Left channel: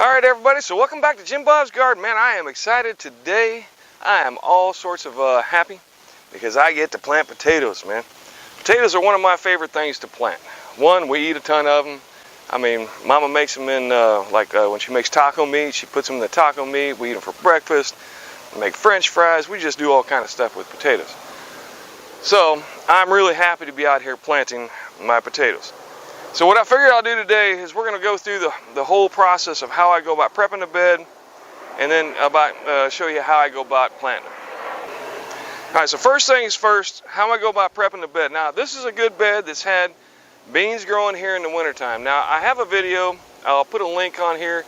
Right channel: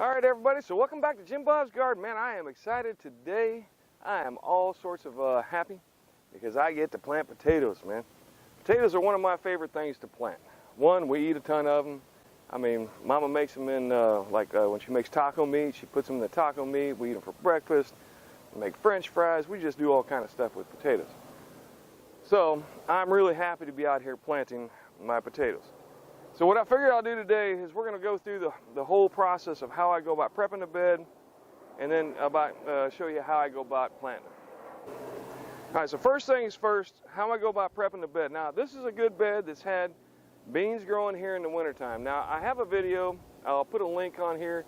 Alright everybody, so welcome back to Jim Bob's Garden. Man, I am excited today. I am all sorts of happy because I get to plant potatoes, man. Potatoes are one of my favorite things to plant. One, we eat a ton of them. I mean, Mama makes them in, when she makes taco meat, she puts them in the taco meat. We eat them for breakfast. We make French fries. We just do all kind of stuff with potatoes. So, I'm really happy to be out here planting my potatoes. So what I figured I'll do today is we're going to go through the whole process of how I go about prepping the bed, and then show you how I go about planting them. All right, so first things first, how I go about prepping the bed. Now, this is a good bed that's had beans growing here in the wintertime. Now, I have a video, I'll put a link on here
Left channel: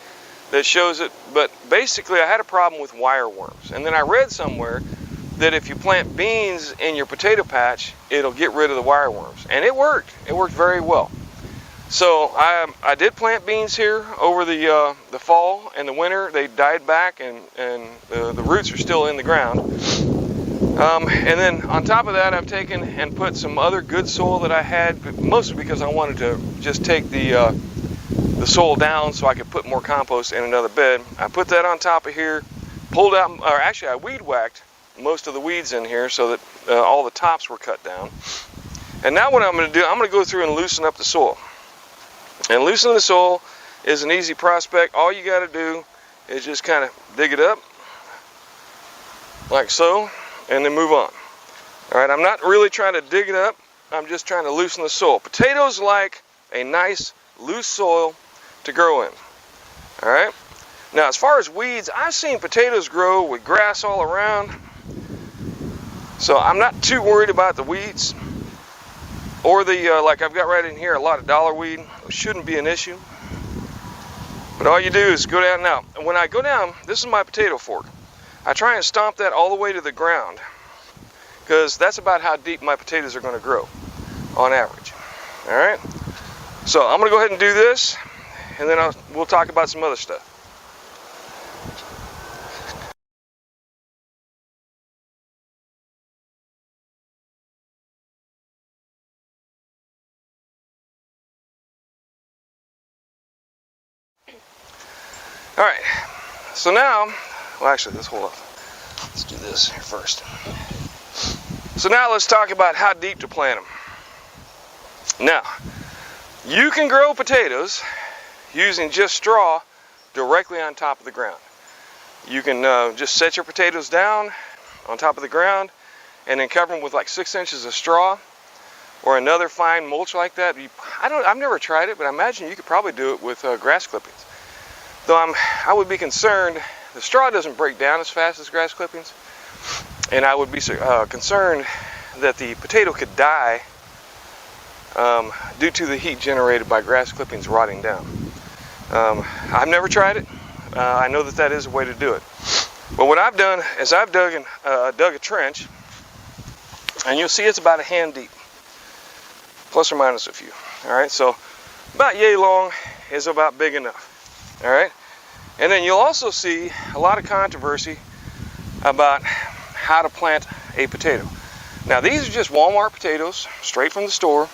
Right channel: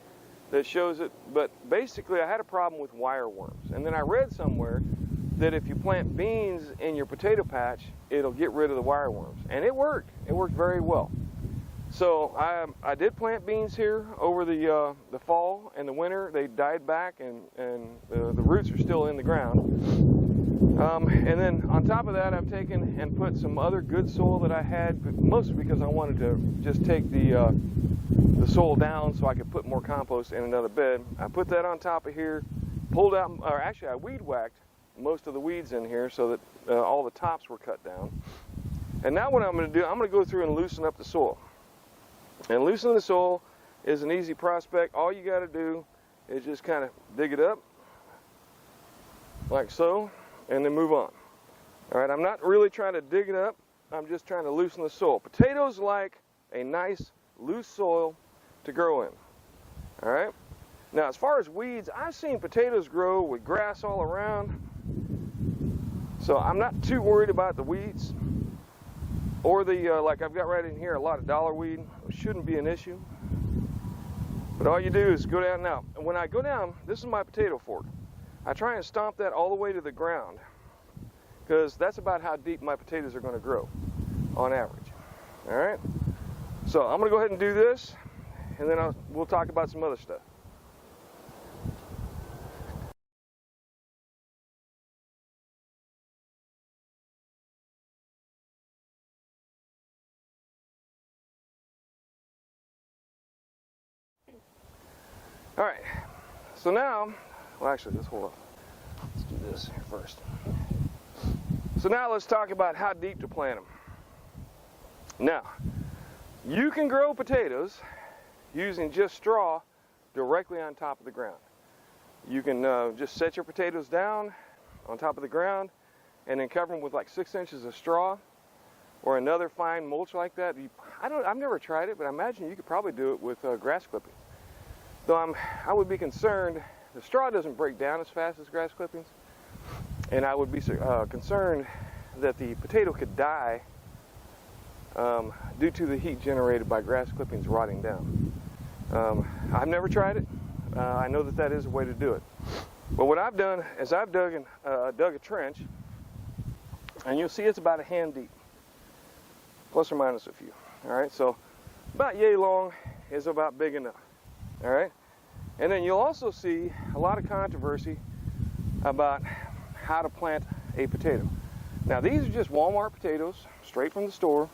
that shows it, but basically I had a problem with wire worms. And then I read somewhere that if you plant beans in your potato patch, it'll get rid of the wire worms. And it worked. It worked very well. So I did plant beans here over the fall and the winter. They died back, and the roots are still in the ground. And then on top of that, I've taken and put some other good soil that I had, mostly because I wanted to just take the soil down so I could put more compost in another bed. I put that on top of here, pulled out, or actually I weed whacked most of the weeds in here so that all the tops were cut down. And now what I'm going to do, I'm going to go through and loosen up the soil. And loosening the soil is an easy prospect. All you got to do is just kind of dig it up, like so, and then move on. All right, I'm not really trying to dig it up. I'm just trying to loosen the soil. Potatoes like a nice, loose soil to grow in. All right. Now, as far as weeds, I've seen potatoes grow with grass all around, so I'm not too worried about the weeds. Or like I've got right in here, a lot of dollar weed. It shouldn't be an issue. But all you do is go down. Now, when I go down, this is my potato fork. I try and stomp that all the way to the ground, because that's about how deep my potatoes are going to grow on average. All right? So I'm going to go ahead and do this, and then we'll talk about some other stuff. All right, so now, well actually, let's hold off. Let's do this here first. So now let's talk about how deep to plant them. Now, you can grow potatoes using just straw directly on top of the ground. You can just set your potatoes down on top of the ground and then cover them with like 6 inches of straw or another fine mulch like that. I've never tried it, but I imagine you could probably do it with grass clippings. Though I would be concerned, the straw doesn't break down as fast as grass clippings, and I would be concerned that the potato could die due to the heat generated by grass clippings rotting down. I've never tried it. I know that is a way to do it. But what I've done is I've dug a trench, and you'll see it's about a hand deep, plus or minus a few. All right, so about yay long is about big enough. All right, and then you'll also see a lot of controversy about how to plant a potato. Now, these are just Walmart potatoes, straight from the store,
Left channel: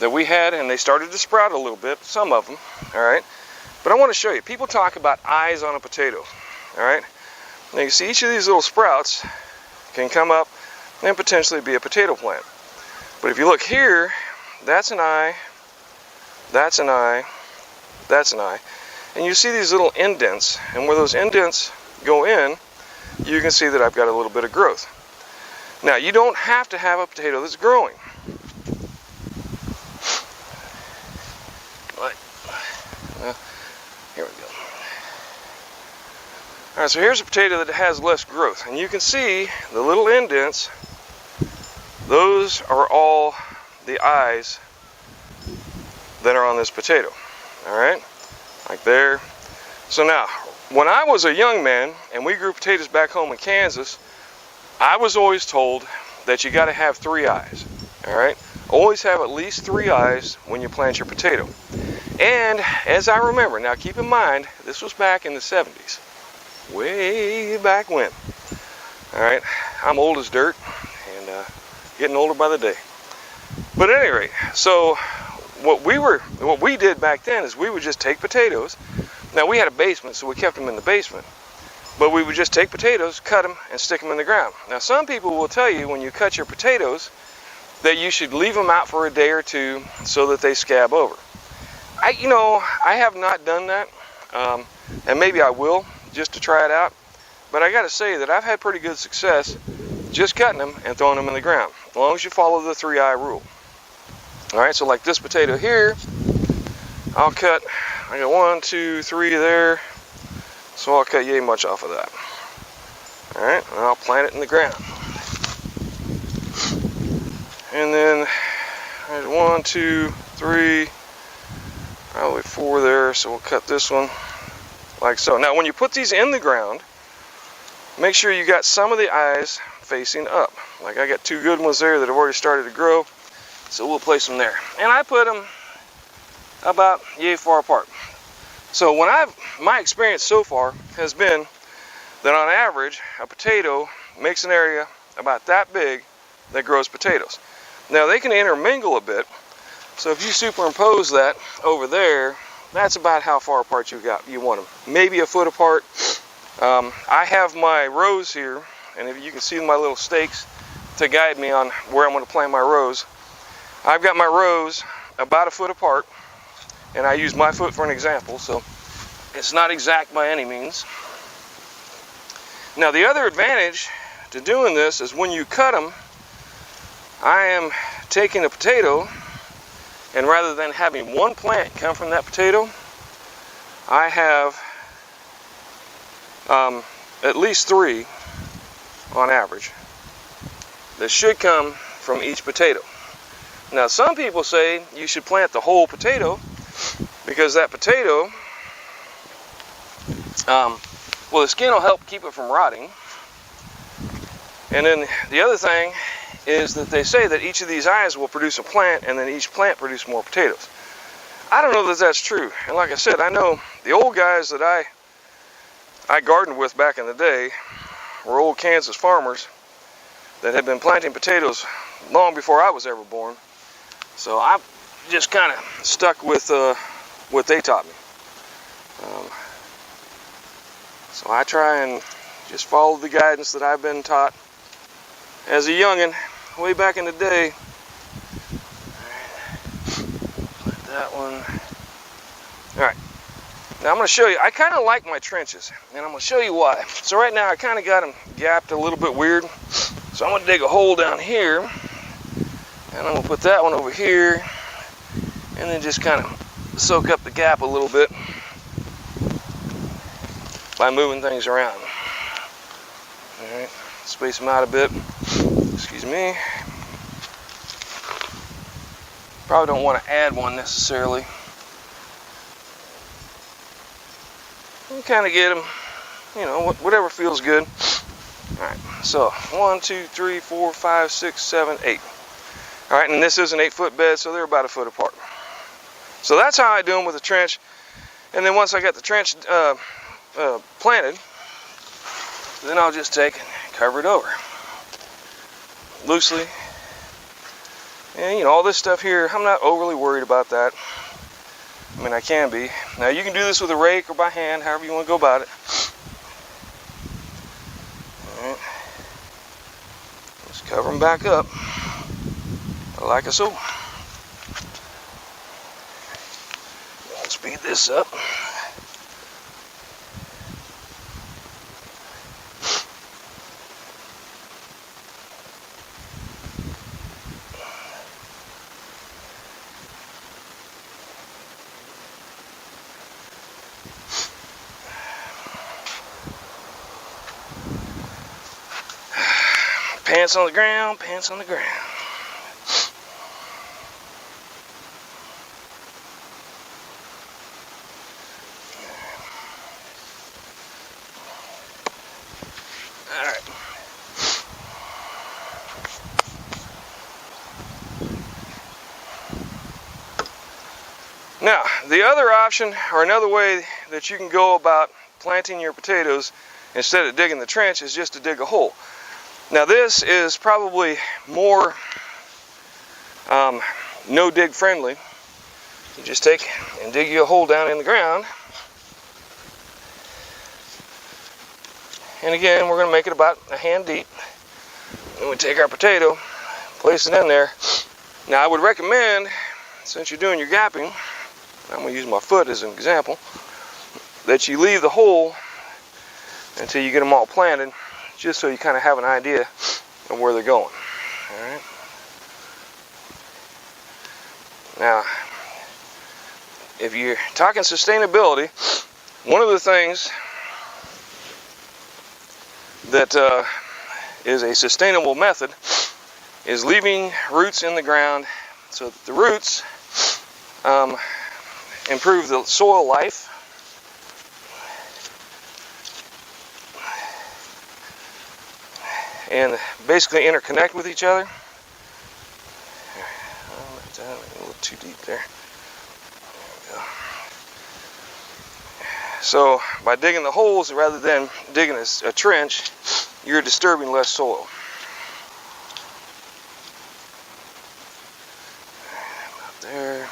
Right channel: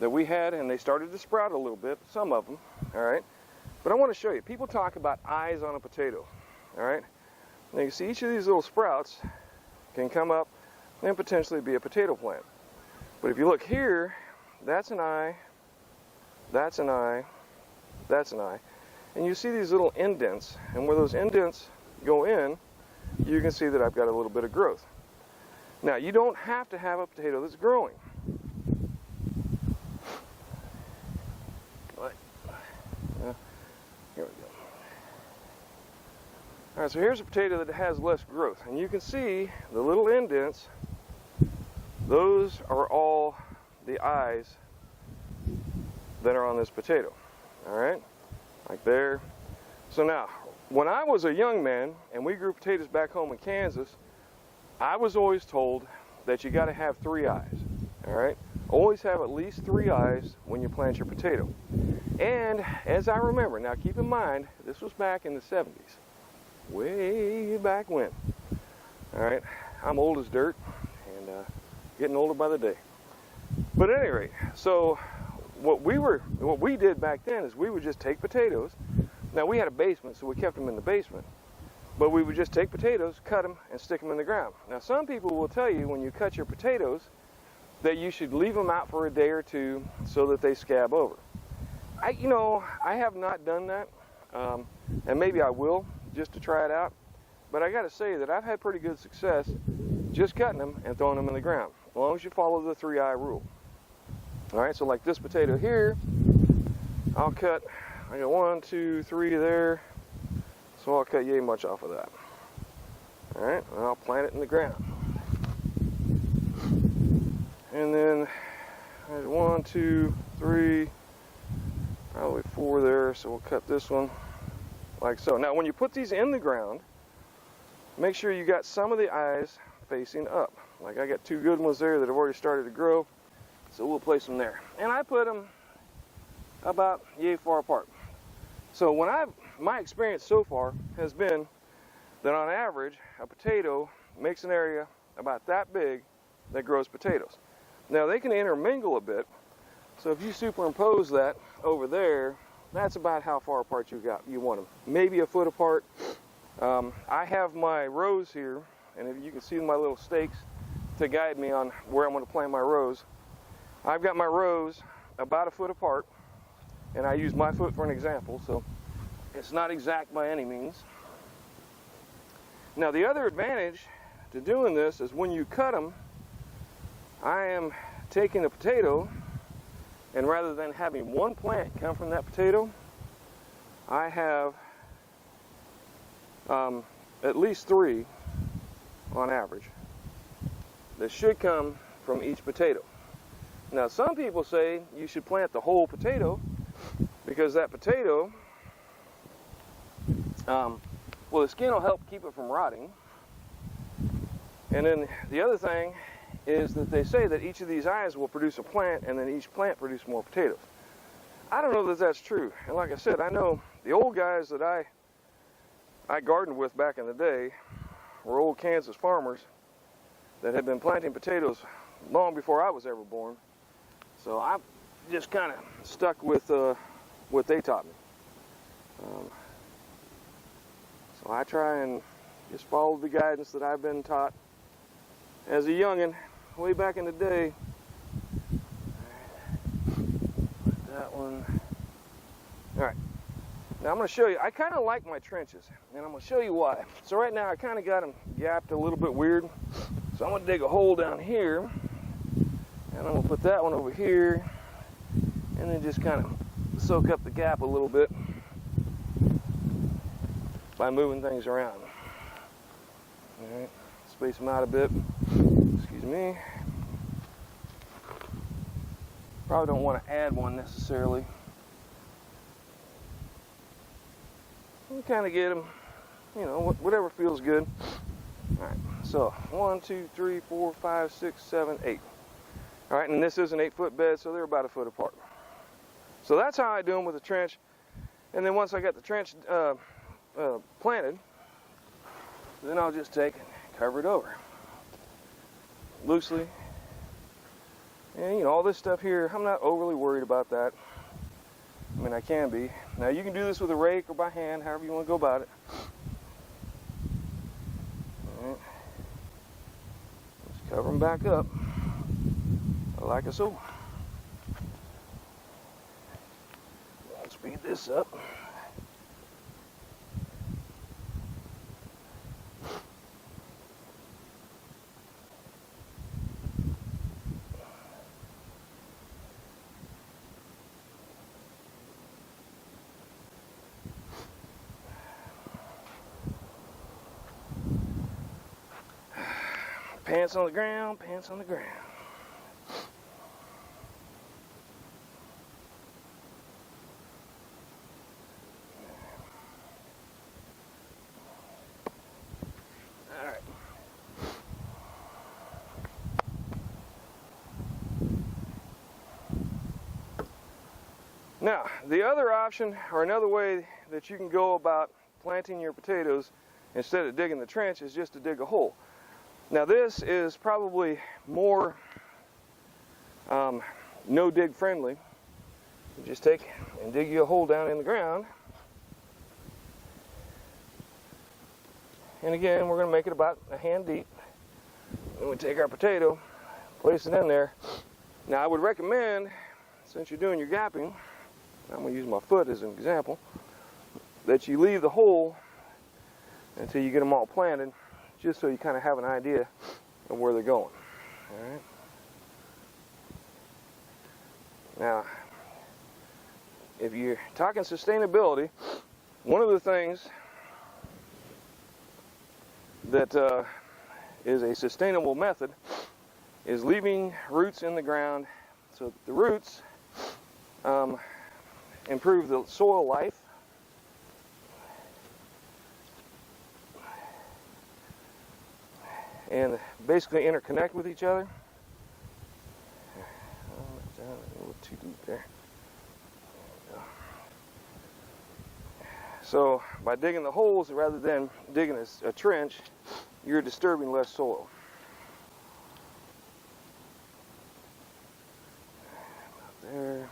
that we had, and they started to sprout a little bit, some of them, all right? But I want to show you, people talk about eyes on a potato, all right? Now, you see each of these little sprouts can come up and potentially be a potato plant. But if you look here, that's an eye, that's an eye, that's an eye. And you see these little indents, and where those indents go in, you can see that I've got a little bit of growth. Now, you don't have to have a potato that's growing. Here we go. All right, so here's a potato that has less growth, and you can see the little indents. Those are all the eyes that are on this potato. All right. Like there. So now, when I was a young man and we grew potatoes back home in Kansas, I was always told that you got to have 3 eyes. All right, always have at least 3 eyes when you plant your potato. And as I remember, now keep in mind, this was back in the 70s, way back when. All right, I'm old as dirt and getting older by the day. But at any rate, so what we did back then is we would just take potatoes Now we had a basement, so we kept them in the basement. But we would just take potatoes, cut them, and stick them in the ground. Now some people will tell you when you cut your potatoes that you should leave them out for a day or two so that they scab over. I have not done that, and maybe I will just to try it out. But I got to say that I've had pretty good success just cutting them and throwing them in the ground, as long as you follow the 3-eye rule. All right, so like this potato here, I'll cut. I got 1, 2, 3 there. So I'll cut yay much off of that. All right, and I'll plant it in the ground. And then there's 1, 2, 3, probably 4 there. So we'll cut this one like so. Now when you put these in the ground, make sure you got some of the eyes facing up. Like I got 2 good ones there that have already started to grow. So we'll place them there. And I put them about yay far apart. So my experience so far has been that on average, a potato makes an area about that big that grows potatoes. Now they can intermingle a bit. So if you superimpose that over there, that's about how far apart you want them. Maybe a foot apart. I have my rows here, and if you can see my little stakes to guide me on where I'm going to plant my rows. I've got my rows about a foot apart. And I use my foot for an example, so it's not exact by any means. Now the other advantage to doing this is when you cut them, I am taking a potato, and rather than having one plant come from that potato, I have at least 3 on average that should come from each potato. Now some people say you should plant the whole potato, because that potato, well, the skin will help keep it from rotting. And then the other thing is that they say that each of these eyes will produce a plant, and then each plant produce more potatoes. I don't know that that's true. And like I said, I know the old guys that I gardened with back in the day were old Kansas farmers that had been planting potatoes long before I was ever born. So I've just kind of stuck with what they taught me. So I try and just follow the guidance that I've been taught as a youngin' way back in the day. Put that one. All right. Now I'm going to show you. I kind of like my trenches, and I'm going to show you why. So right now I kind of got them gapped a little bit weird. So I'm going to dig a hole down here, and I'm going to put that one over here, and then just kind of soak up the gap a little bit by moving things around. All right, space them out a bit. Excuse me. Probably don't want to add one necessarily. You kind of get them, whatever feels good. All right, so 1, 2, 3, 4, 5, 6, 7, 8. All right, and this is an 8-foot bed, so they're about a foot apart. So that's how I do them with a trench. And then once I got the trench planted, then I'll just take and cover it over loosely. And all this stuff here, I'm not overly worried about that. I mean, I can be. Now you can do this with a rake or by hand, however you want to go about it. All right. Just cover them back up like so. I'll speed this up. Pants on the ground, pants on the ground. All right. Now, the other option, or another way that you can go about planting your potatoes instead of digging the trench, is just to dig a hole. Now this is probably more no dig friendly. You just take and dig you a hole down in the ground, And again, we're going to make it about a hand deep. And we take our potato, place it in there. Now I would recommend, since you're doing your gapping, I'm going to use my foot as an example, that you leave the hole until you get them all planted, just so you kind of have an idea of where they're going. All right. Now, if you're talking sustainability, one of the things that is a sustainable method is leaving roots in the ground so that the roots improve the soil life and basically interconnect with each other. A little too deep there. There we go. So by digging the holes rather than digging a trench, you're disturbing less soil. About there,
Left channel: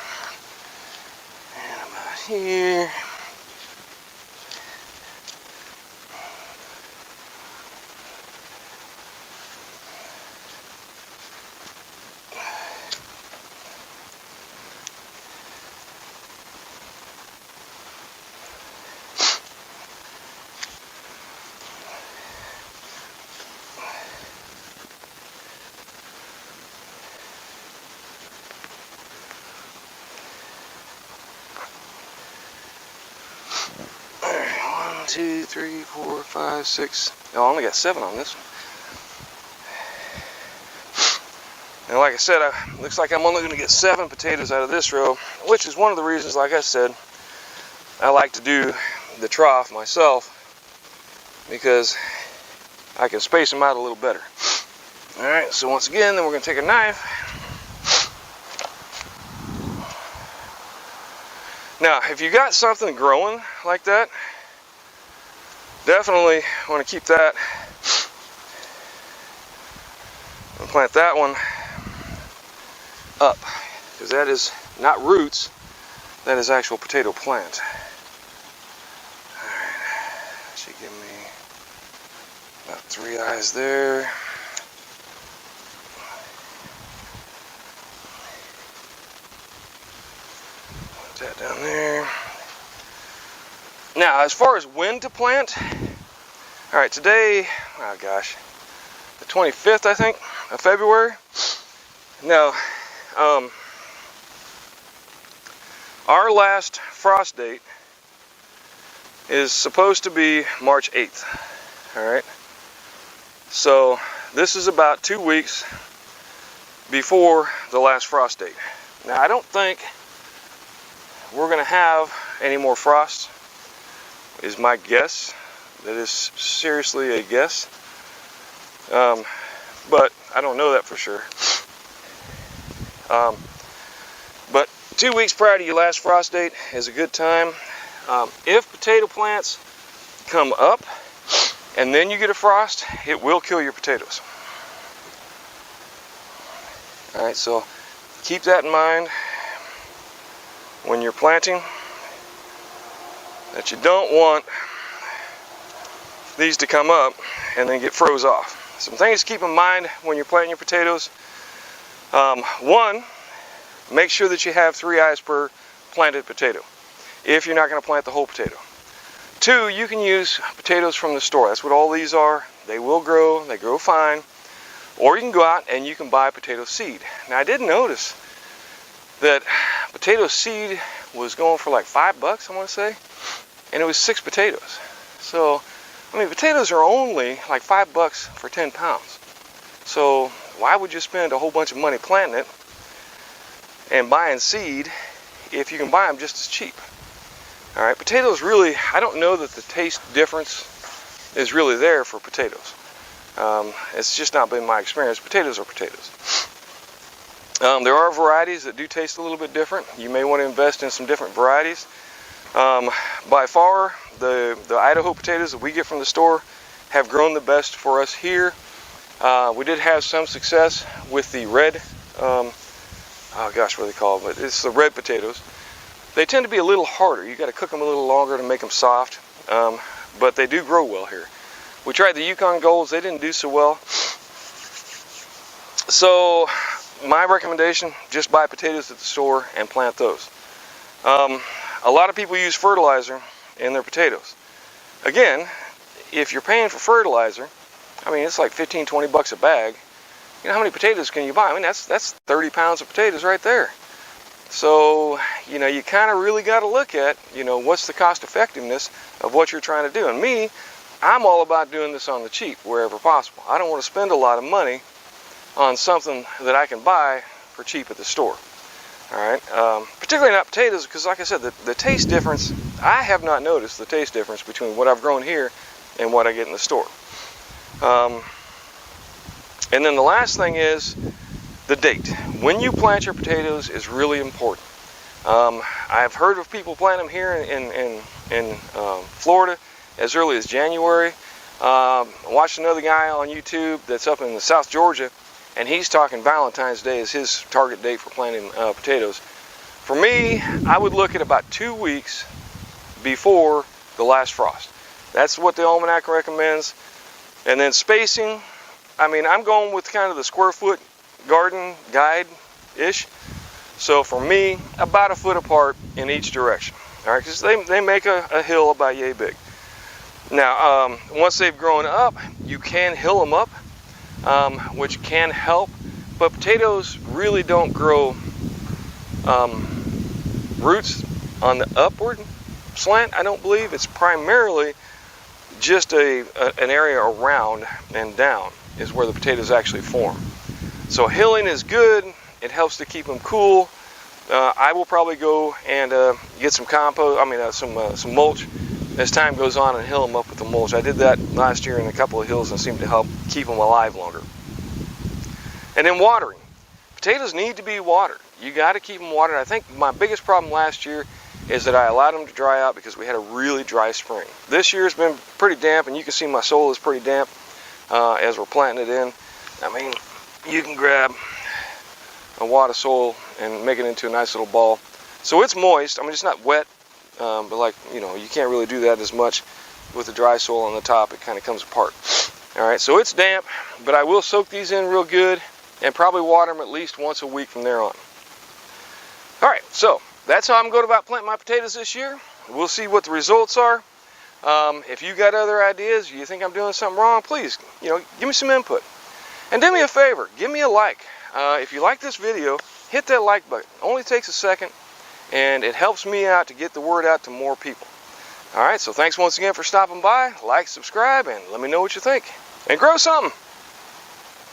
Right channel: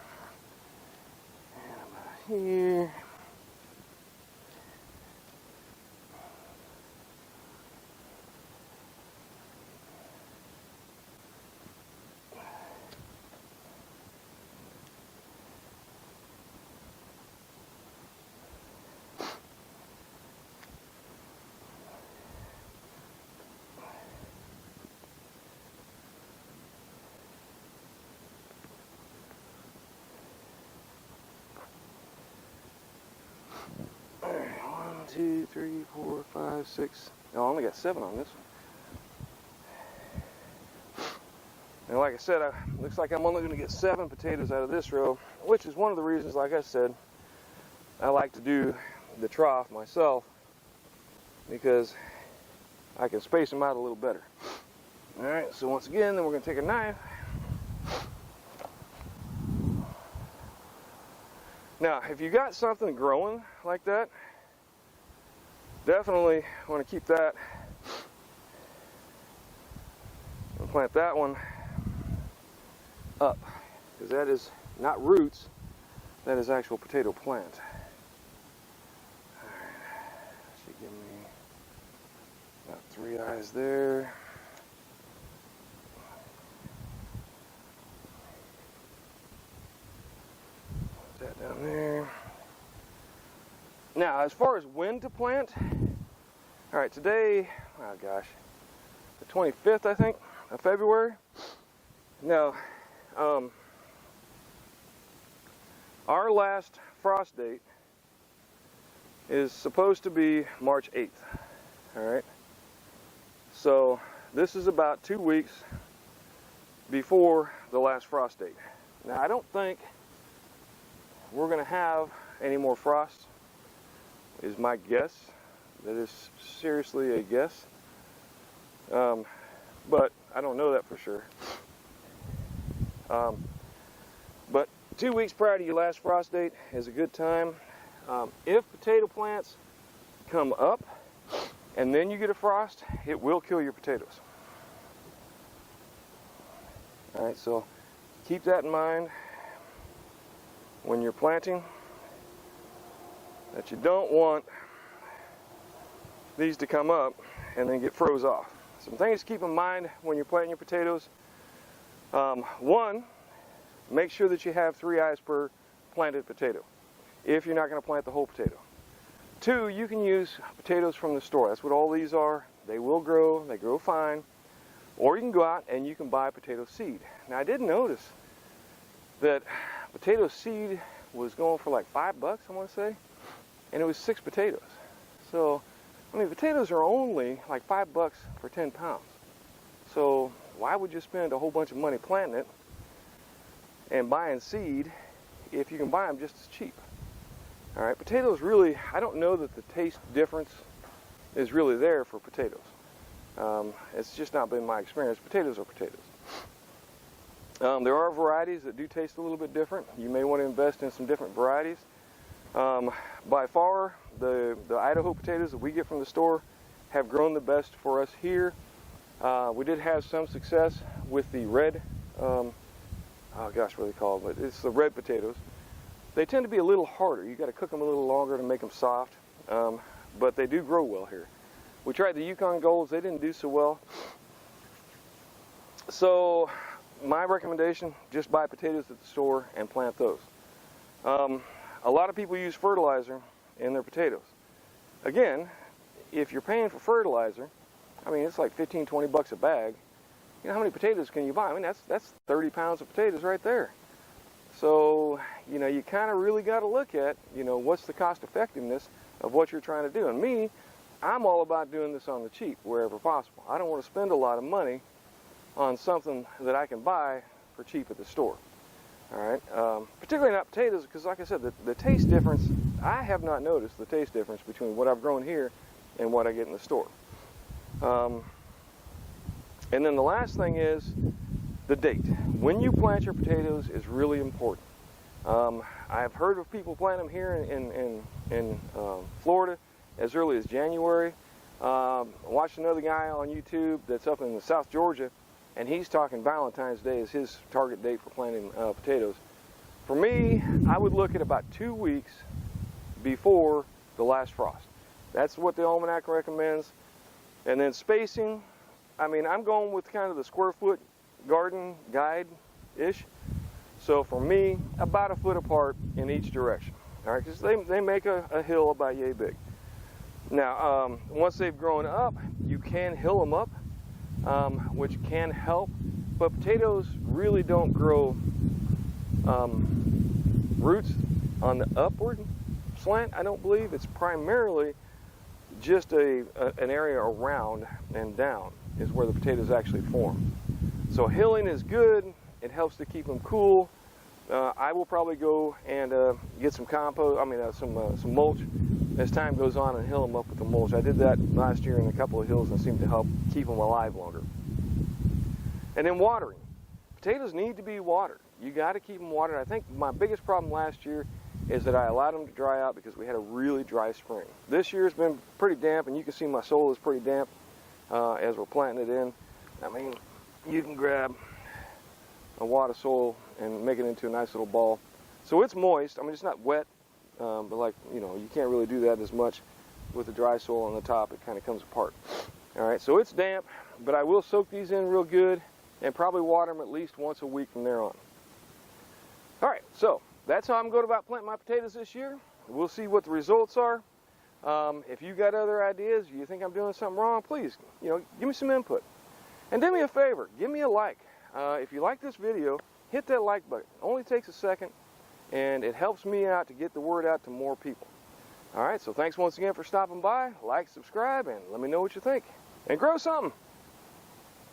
and about here. One, two, three, four, five, six. Oh, I only got 7 on this one. And like I said, looks like I'm only going to get 7 potatoes out of this row, which is one of the reasons, like I said, I like to do the trough myself, because I can space them out a little better. All right, so once again, then we're going to take a knife. Now, if you got something growing like that, definitely want to keep that and plant that one up, because that is not roots, that is actual potato plant. All right, should give me about 3 eyes there. Put that down there. Now, as far as when to plant, all right, today, oh gosh, the 25th, I think, of February. Now, our last frost date is supposed to be March 8th, all right? So this is about 2 weeks before the last frost date. Now, I don't think we're gonna have any more frost, is my guess. That is seriously a guess. But I don't know that for sure. But 2 weeks prior to your last frost date is a good time. If potato plants come up and then you get a frost, it will kill your potatoes. All right, so keep that in mind when you're planting, that you don't want these to come up and then get froze off. Some things to keep in mind when you're planting your potatoes. One, make sure that you have 3 eyes per planted potato, if you're not going to plant the whole potato. 2, you can use potatoes from the store. That's what all these are. They will grow, they grow fine. Or you can go out and you can buy potato seed. Now, I did notice that potato seed was going for like $5, I want to say, and it was 6 potatoes. So, I mean, potatoes are only like $5 for 10 pounds. So why would you spend a whole bunch of money planting it and buying seed if you can buy them just as cheap? All right, potatoes really, I don't know that the taste difference is really there for potatoes. It's just not been my experience. Potatoes are potatoes. There are varieties that do taste a little bit different. You may want to invest in some different varieties. By far, the Idaho potatoes that we get from the store have grown the best for us here. We did have some success with the red, oh gosh, what are they called? But it's the red potatoes. They tend to be a little harder. You got to cook them a little longer to make them soft, but they do grow well here. We tried the Yukon Golds, they didn't do so well. So my recommendation, just buy potatoes at the store and plant those. A lot of people use fertilizer in their potatoes. Again, if you're paying for fertilizer, I mean, it's like 15, 20 bucks a bag. You know, how many potatoes can you buy? I mean, that's 30 pounds of potatoes right there. So, you know, you kind of really got to look at, you know, what's the cost effectiveness of what you're trying to do. And me, I'm all about doing this on the cheap wherever possible. I don't want to spend a lot of money on something that I can buy for cheap at the store. All right, particularly not potatoes, because like I said, the taste difference, I have not noticed the taste difference between what I've grown here and what I get in the store. And then the last thing is the date. When you plant your potatoes is really important. I've heard of people plant them here in Florida as early as January. I watched another guy on YouTube that's up in South Georgia, and he's talking Valentine's Day as his target date for planting potatoes. For me, I would look at about 2 weeks before the last frost. That's what the almanac recommends. And then spacing, I mean, I'm going with kind of the square foot garden guide-ish. So for me, about a foot apart in each direction. All right, because they make a hill about yay big. Now, once they've grown up, you can hill them up, which can help, but potatoes really don't grow roots on the upward slant, I don't believe. It's primarily just an area around and down is where the potatoes actually form. So hilling is good. It helps to keep them cool. I will probably go and get some compost, some mulch as time goes on and hill them up with the mulch. I did that last year in a couple of hills and seemed to help keep them alive longer. And then watering. Potatoes need to be watered. You got to keep them watered. I think my biggest problem last year is that I allowed them to dry out because we had a really dry spring. This year's been pretty damp, and you can see my soil is pretty damp as we're planting it in. I mean, you can grab a wad of soil and make it into a nice little ball. So it's moist. I mean, it's not wet, but like, you know, you can't really do that as much with the dry soil on the top. It kind of comes apart. All right, so it's damp, but I will soak these in real good and probably water them at least once a week from there on. All right, so that's how I'm going about planting my potatoes this year. We'll see what the results are. If you got other ideas, you think I'm doing something wrong, please, you know, give me some input. And do me a favor, give me a like. If you like this video, hit that like button. It only takes a second, and it helps me out to get the word out to more people. All right, so thanks once again for stopping by. Like, subscribe, and let me know what you think. And grow something.